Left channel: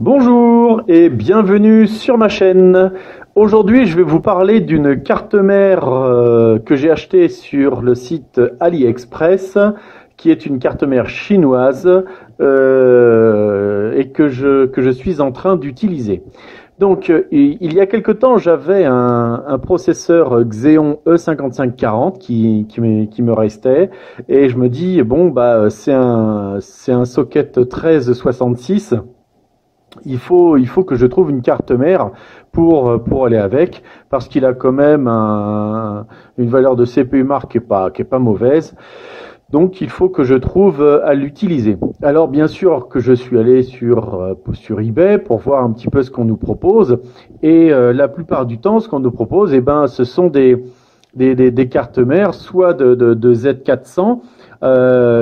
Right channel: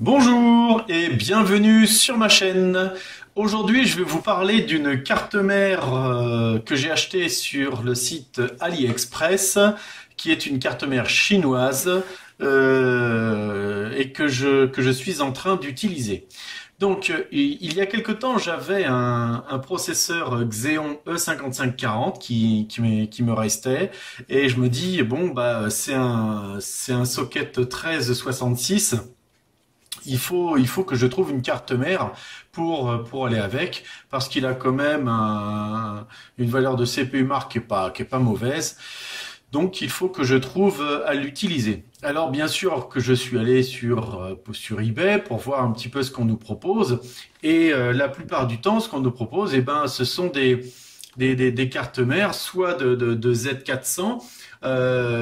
Bonjour et bienvenue sur ma chaîne. Aujourd'hui, je vais vous parler d'une carte mère que j'ai achetée sur le site AliExpress, qui est une carte mère chinoise et que je suis en train d'utiliser. Donc, il y a quelque temps, j'avais un processeur Xeon E5540 qui me restait et je me dis, bon, bah, c'est un socket 1366. Il faut que je trouve une carte mère pour aller avec, parce qu'il a quand même une valeur de CPU marque qui est pas mauvaise. Donc il faut que je trouve à l'utiliser. Alors bien sûr que je suis allé sur eBay pour voir un petit peu ce qu'on nous propose. Et la plupart du temps, ce qu'on nous propose, eh ben, ce sont des cartes mères, soit de Z400,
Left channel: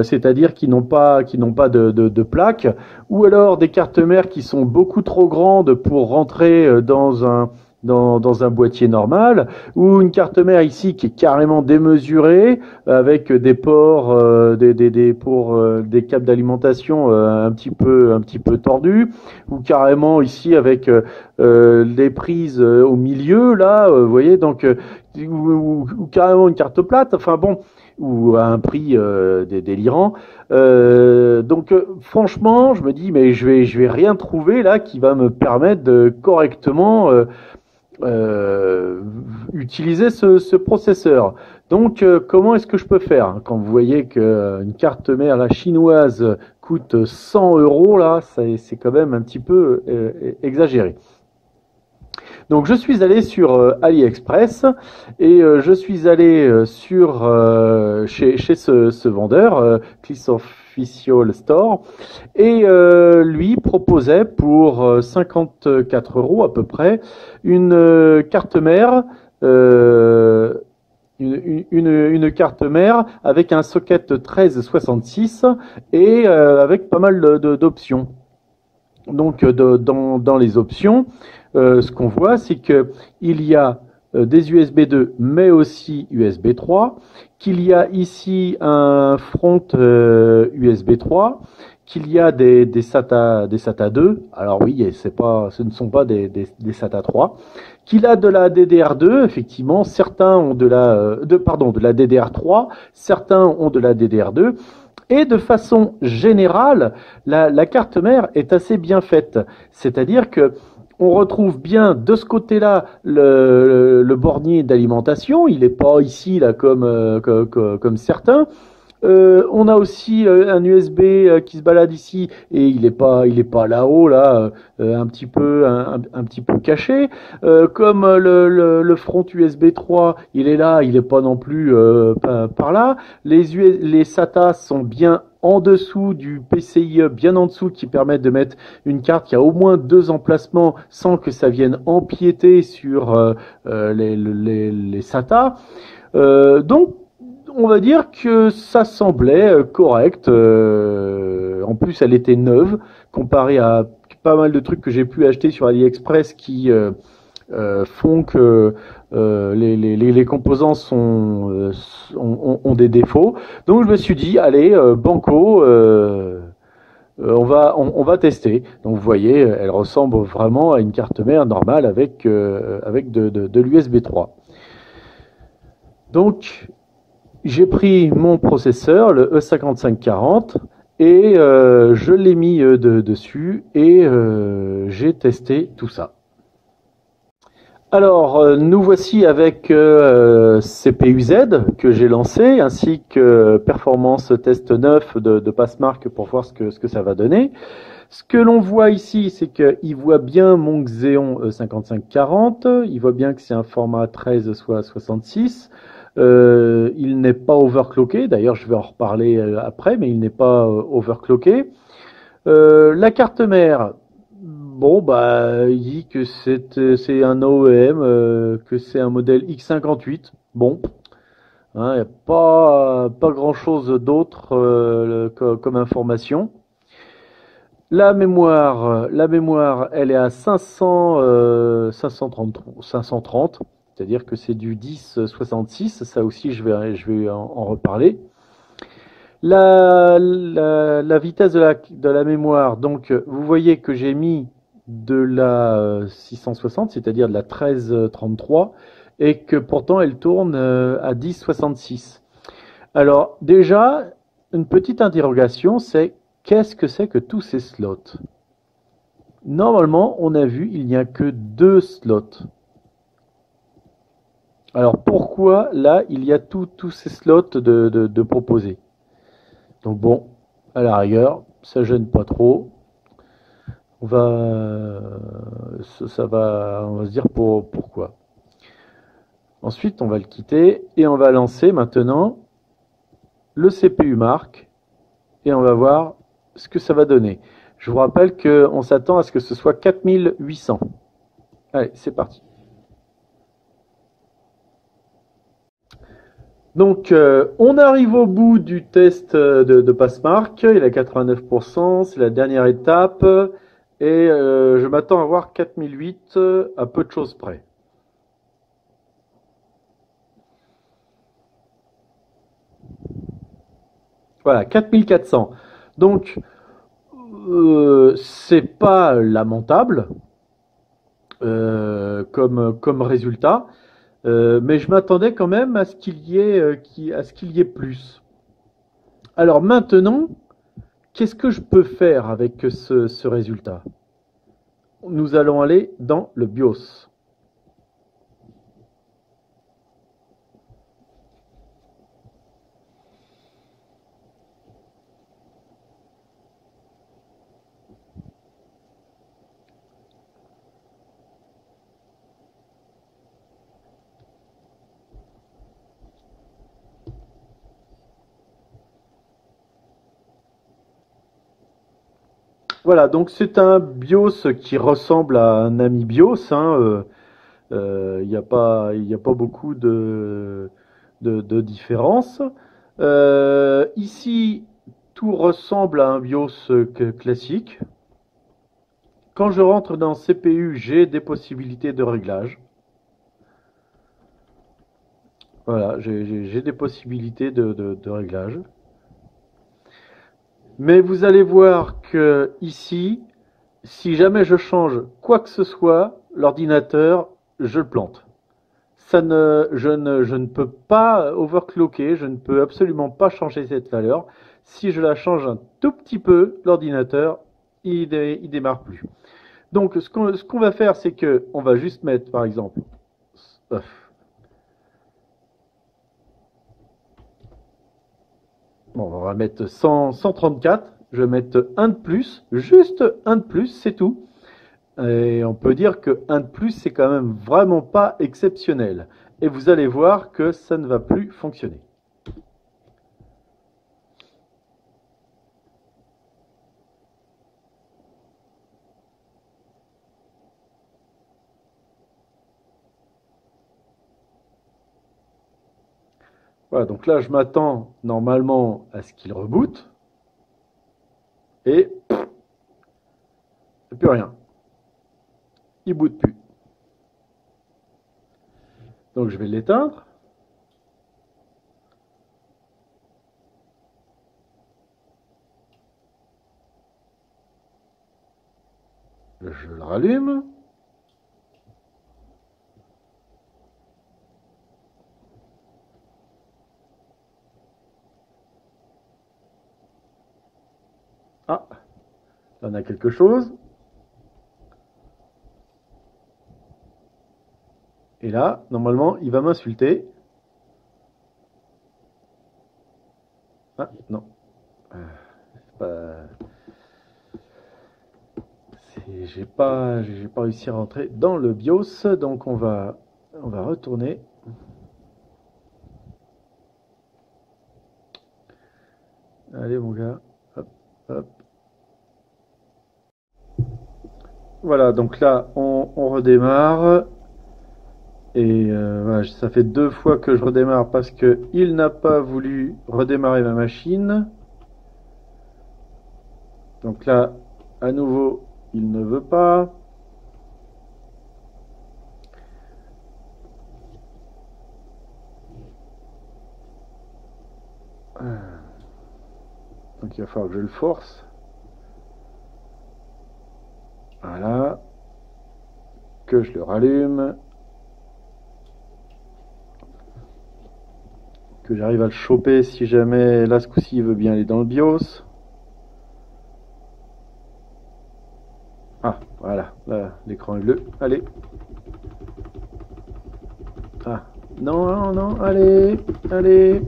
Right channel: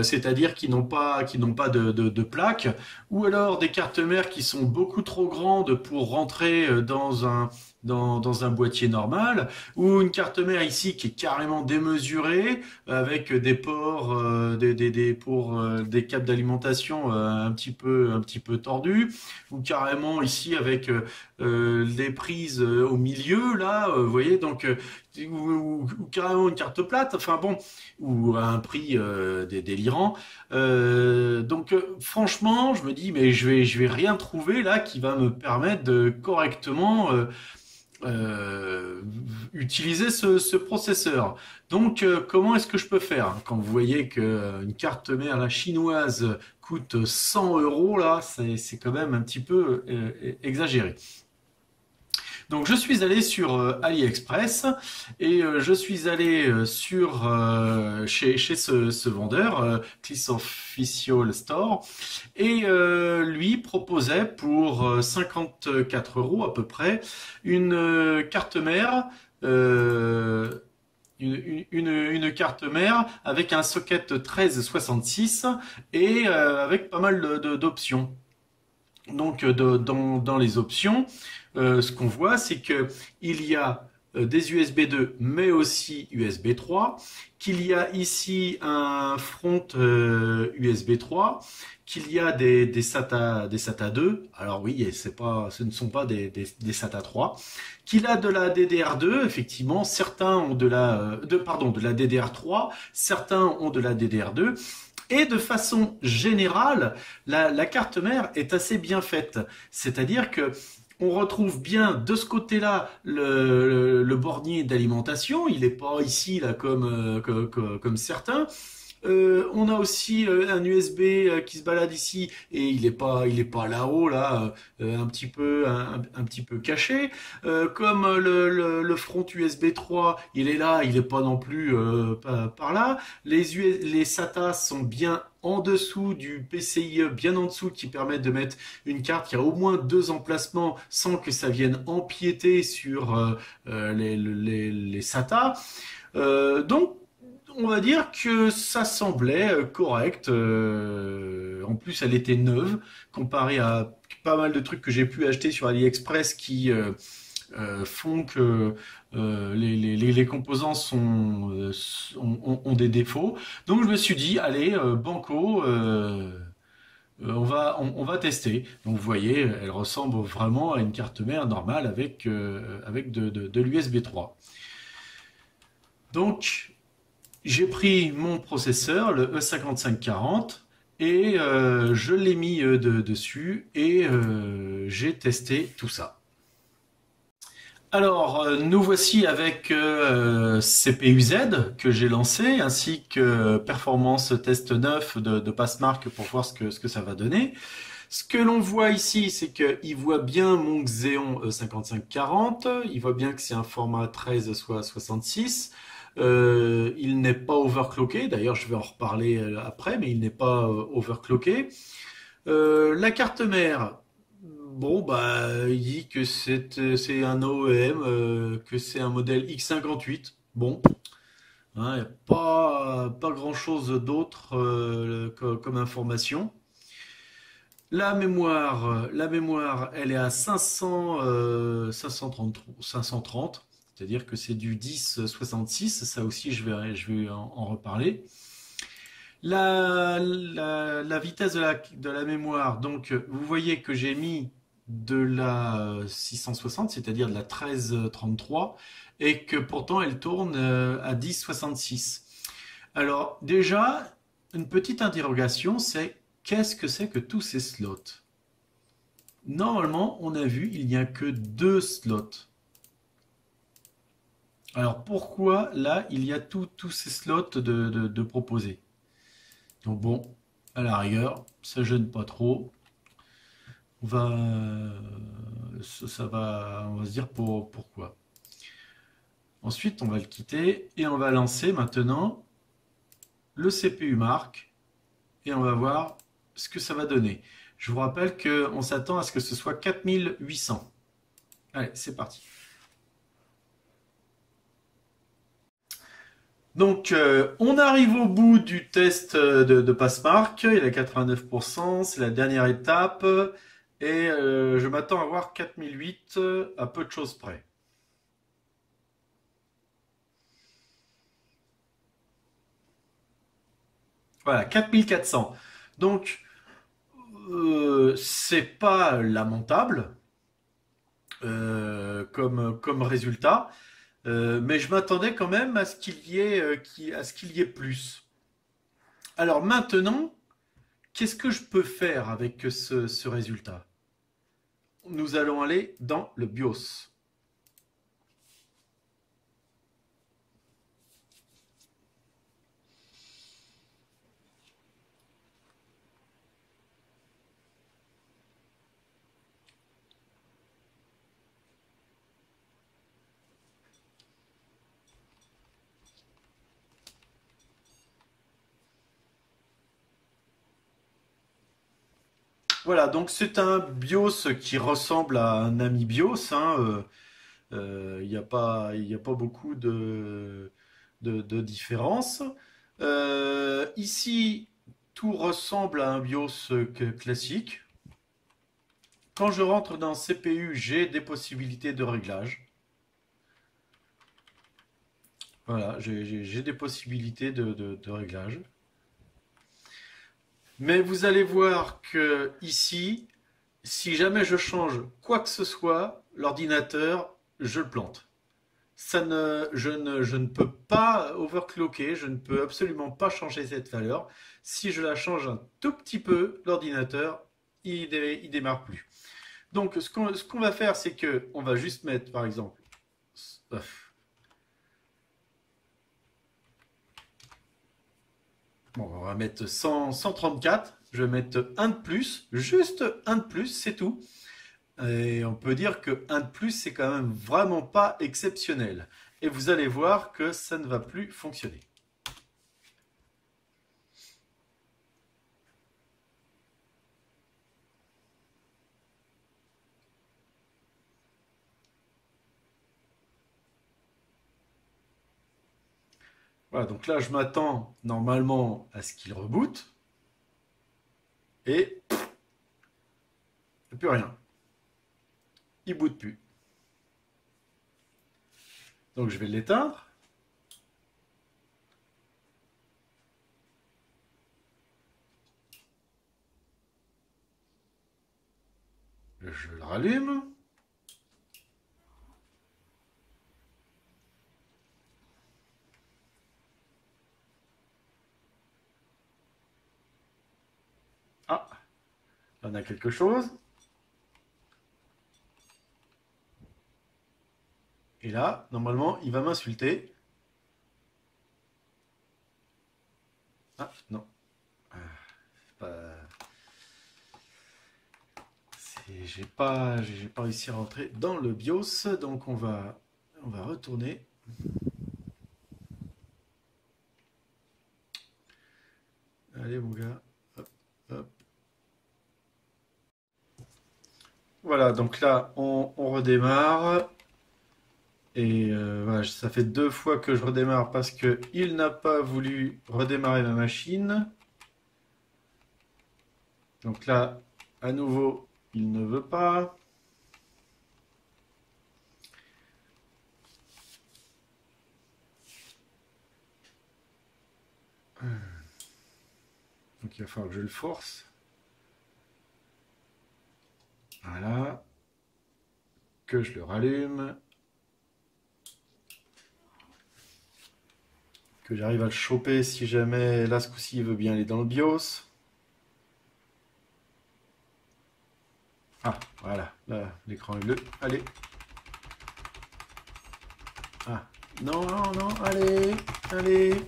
c'est-à-dire qui n'ont pas de plaque, ou alors des cartes mères qui sont beaucoup trop grandes pour rentrer dans un boîtier normal, ou une carte mère ici qui est carrément démesurée, avec des ports, pour des câbles d'alimentation un petit peu tordus, ou carrément ici avec des prises au milieu, là, vous voyez, donc, ou carrément une carte plate, enfin bon, ou à un prix délirant. Donc franchement, je me dis, mais je vais rien trouver là qui va me permettre de correctement euh, utiliser ce processeur. Donc, comment est-ce que je peux faire? Quand vous voyez qu'une carte mère la chinoise coûte 100 euros, là, c'est quand même un petit peu exagéré. Donc je suis allé sur AliExpress et je suis allé chez ce vendeur, Clis Official Store, et lui proposait pour 54 euros à peu près une carte mère. euh, une carte mère avec un socket 1366 et avec pas mal d'options. Donc, dans les options, ce qu'on voit, c'est que il y a des USB 2, mais aussi USB 3, qu'il y a ici un front USB 3, qu'il y a des SATA 2. Alors oui, ce ne sont pas des SATA 3. Qu'il a de la DDR2, effectivement, certains ont de la DDR3, certains ont de la DDR2. Et de façon générale, la carte mère est assez bien faite. C'est-à-dire que on retrouve bien de ce côté-là le bornier d'alimentation. Il n'est pas ici là comme certains. On a aussi un USB qui se balade ici et il est pas là-haut là, un petit peu caché. Comme le front USB 3, il est là, il est pas non plus par là. Les SATA sont bien en dessous du PCIe, bien en dessous, qui permettent de mettre une carte qui a au moins deux emplacements sans que ça vienne empiéter sur les SATA. Donc on va dire que ça semblait correct. En plus, elle était neuve comparée à pas mal de trucs que j'ai pu acheter sur AliExpress qui font que les composants ont des défauts. Donc je me suis dit, allez, banco, on va tester. Donc vous voyez, elle ressemble vraiment à une carte mère normale avec de l'USB 3. Donc j'ai pris mon processeur, le E5540, et je l'ai mis dessus et j'ai testé tout ça. Alors, nous voici avec CPU-Z que j'ai lancé, ainsi que Performance Test 9 de Passmark pour voir ce que ça va donner. Ce que l'on voit ici, c'est qu'il voit bien mon Xeon 5540, il voit bien que c'est un format 13 soit 66. Il n'est pas overclocké, d'ailleurs je vais en reparler après, mais il n'est pas overclocké. La carte mère, bon bah il dit que c'est un OEM, que c'est un modèle X58. Bon, hein, il n'y a pas grand-chose d'autre comme information. La mémoire, elle est à 530, c'est-à-dire que c'est du 1066. Ça aussi, je vais en reparler. La vitesse de la mémoire, donc vous voyez que j'ai mis de la 660, c'est-à-dire de la 1333, et que pourtant elle tourne à 1066. Alors déjà, une petite interrogation, c'est qu'est-ce que c'est que tous ces slots? Normalement, on a vu, il n'y a que deux slots. Alors pourquoi là, il y a tous ces slots de proposés? Donc bon, à la rigueur, ça gêne pas trop. On va, on va se dire pourquoi. Ensuite, on va le quitter et on va lancer maintenant le CPU Mark et on va voir ce que ça va donner. Je vous rappelle qu'on s'attend à ce que ce soit 4800. Allez, c'est parti. Donc, on arrive au bout du test de Passmark. Il a 89%, c'est la dernière étape. Et je m'attends à voir 4008 à peu de choses près. Voilà, 4400. Donc, c'est pas lamentable comme résultat, mais je m'attendais quand même à ce qu'il y ait, à ce qu'il y ait plus. Alors maintenant, qu'est-ce que je peux faire avec ce résultat? Nous allons aller dans le BIOS. Voilà, donc c'est un BIOS qui ressemble à un ami BIOS, hein. Il y a pas beaucoup de différence. Ici, tout ressemble à un BIOS classique. Quand je rentre dans CPU, j'ai des possibilités de réglage. Voilà, j'ai des possibilités de réglage. Mais vous allez voir que ici, si jamais je change quoi que ce soit, l'ordinateur, je le plante. Je ne peux pas overclocker, je ne peux absolument pas changer cette valeur. Si je la change un tout petit peu, l'ordinateur, il démarre plus. Donc, ce qu'on va faire, c'est que on va juste mettre, par exemple, euh, bon, on va mettre 100, 134. Je vais mettre un de plus, juste un de plus, c'est tout. Et on peut dire que un de plus, c'est quand même vraiment pas exceptionnel. Et vous allez voir que ça ne va plus fonctionner. Voilà, donc là, je m'attends normalement à ce qu'il reboot. Et plus rien. Il boot plus. Donc je vais l'éteindre. Je le rallume. Ah, là on a quelque chose. Et là, normalement, il va m'insulter. Ah, non. Euh, j'ai pas réussi à rentrer dans le BIOS. Donc on va retourner. Allez, mon gars. Hop, hop. Voilà, donc là, on redémarre. Et voilà, ça fait deux fois que je redémarre parce que il n'a pas voulu redémarrer ma machine. Donc là, à nouveau, il ne veut pas. Donc il va falloir que je le force. Voilà. que je le rallume, que j'arrive à le choper si jamais là ce coup-ci il veut bien aller dans le BIOS. Ah, voilà, là, l'écran est bleu. Allez. Ah, non, non, non, allez, allez.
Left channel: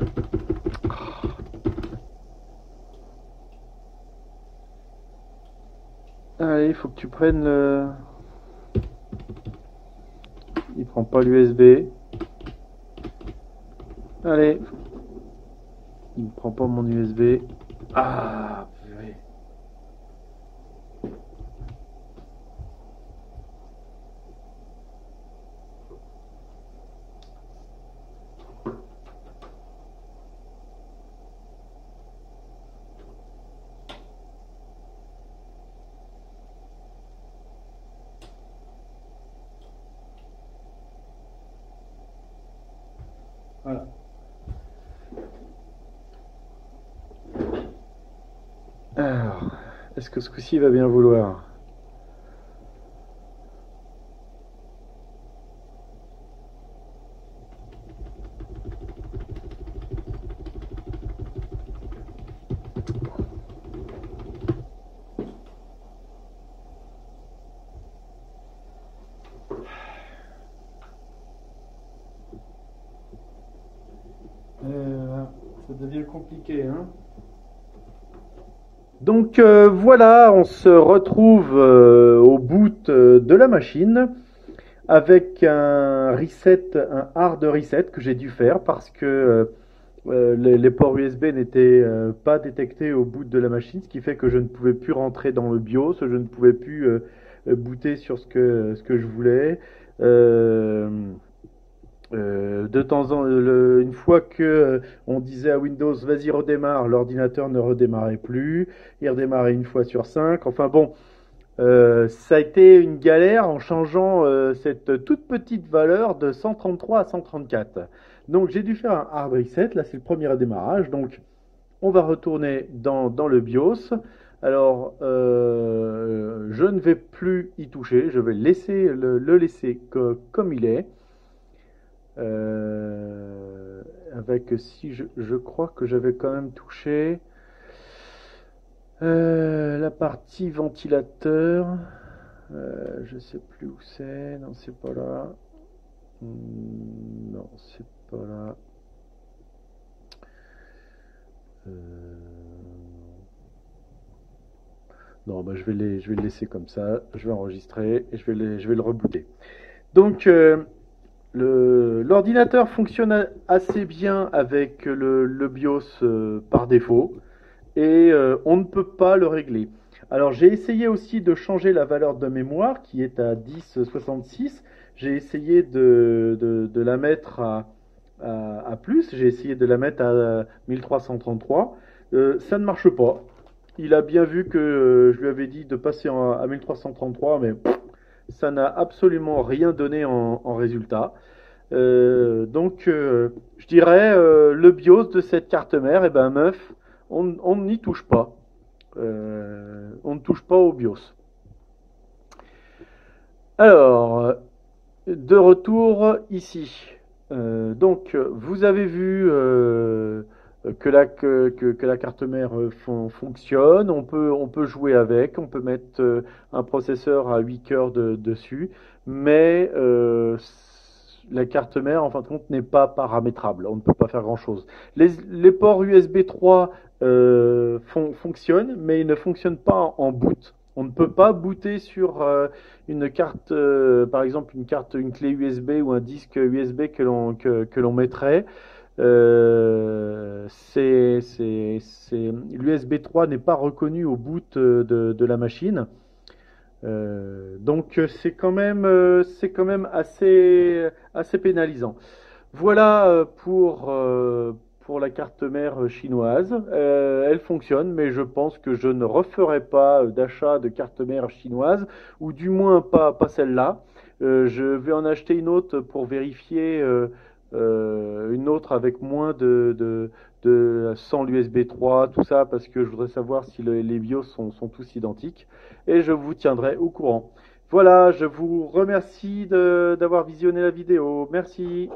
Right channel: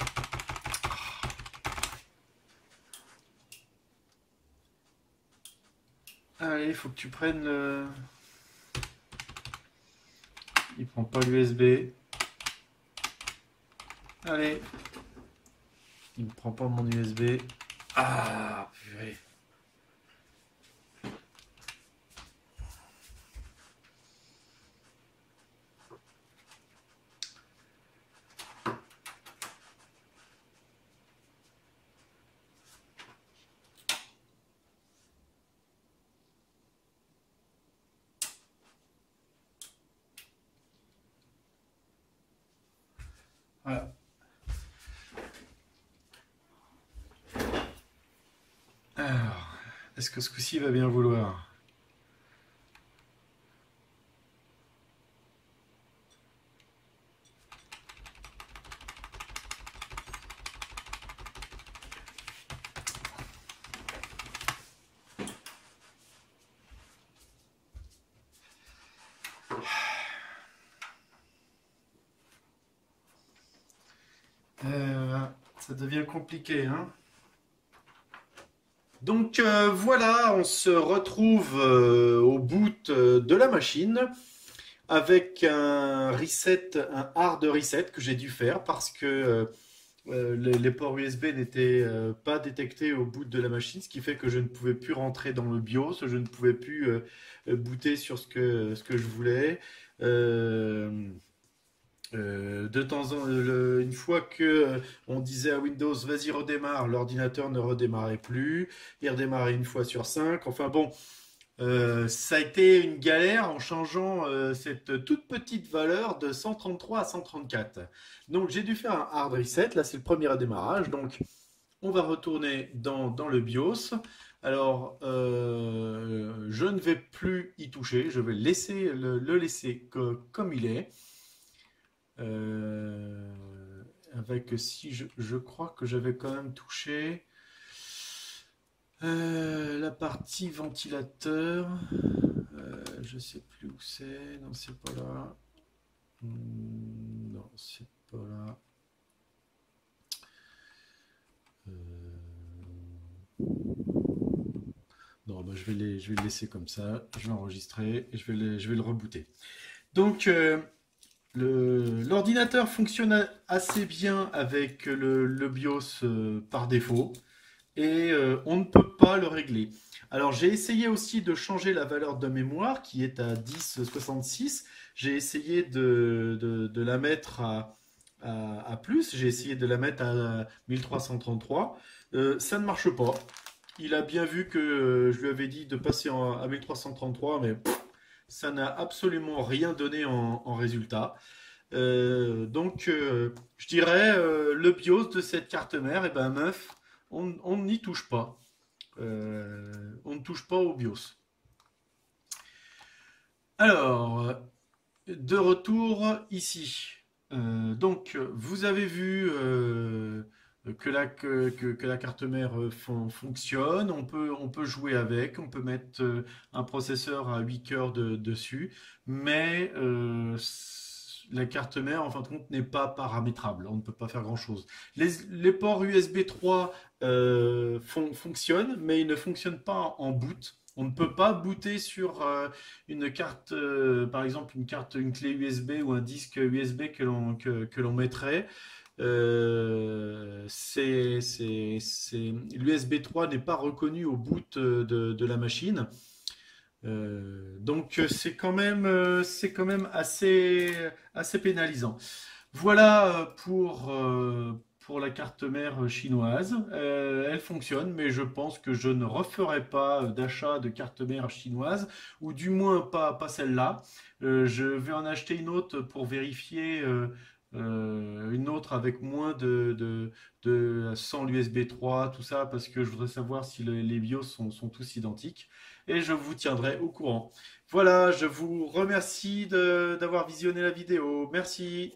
Allez, il faut que tu prennes le... Il prend pas l'USB. Allez. Il ne prend pas mon USB. Ah, purée. Voilà. Alors, est-ce que ce coup-ci il va bien vouloir? Ça devient compliqué, hein? Donc voilà, on se retrouve au boot de la machine avec un reset, un hard reset que j'ai dû faire parce que les ports USB n'étaient pas détectés au boot de la machine, ce qui fait que je ne pouvais plus rentrer dans le BIOS, je ne pouvais plus booter sur ce que je voulais. Euh, de temps en une fois que on disait à Windows vas-y redémarre, l'ordinateur ne redémarrait plus, il redémarrait une fois sur cinq. Enfin bon, ça a été une galère en changeant cette toute petite valeur de 133 à 134. Donc j'ai dû faire un hard reset, là c'est le premier redémarrage, donc on va retourner dans le BIOS. Alors je ne vais plus y toucher, je vais le laisser comme il est. Avec si je crois que j'avais quand même touché la partie ventilateur. Je sais plus où c'est. Non, c'est pas là. Non, c'est pas là. Euh, Non, bah, je vais le laisser comme ça. Je vais enregistrer et je vais le rebooter. Donc, l'ordinateur fonctionne assez bien avec le BIOS par défaut et on ne peut pas le régler. Alors j'ai essayé aussi de changer la valeur de mémoire qui est à 1066. J'ai essayé de la mettre à plus, j'ai essayé de la mettre à 1333. Ça ne marche pas. Il a bien vu que je lui avais dit de passer à 1333, mais ça n'a absolument rien donné en résultat. Je dirais, le BIOS de cette carte mère, et ben meuf, on n'y touche pas. On ne touche pas au BIOS. Alors, de retour ici. Vous avez vu que la carte mère fonctionne. On peut jouer avec. On peut mettre un processeur à 8 cœurs dessus. Mais la carte mère, en fin de compte, n'est pas paramétrable. On ne peut pas faire grand-chose. Les ports USB 3 fonctionnent, mais ils ne fonctionnent pas en boot. On ne peut pas booter sur une carte, par exemple une carte, une clé USB ou un disque USB que l'on mettrait. L'USB 3 n'est pas reconnu au boot de la machine. C'est quand même assez pénalisant. Voilà pour la carte mère chinoise. Elle fonctionne, mais je pense que je ne referai pas d'achat de carte mère chinoise, ou du moins pas celle-là. Je vais en acheter une autre pour vérifier une autre avec moins sans l'USB 3, tout ça, parce que je voudrais savoir si les BIOS sont tous identiques. Et je vous tiendrai au courant. Voilà, je vous remercie d'avoir visionné la vidéo. Merci.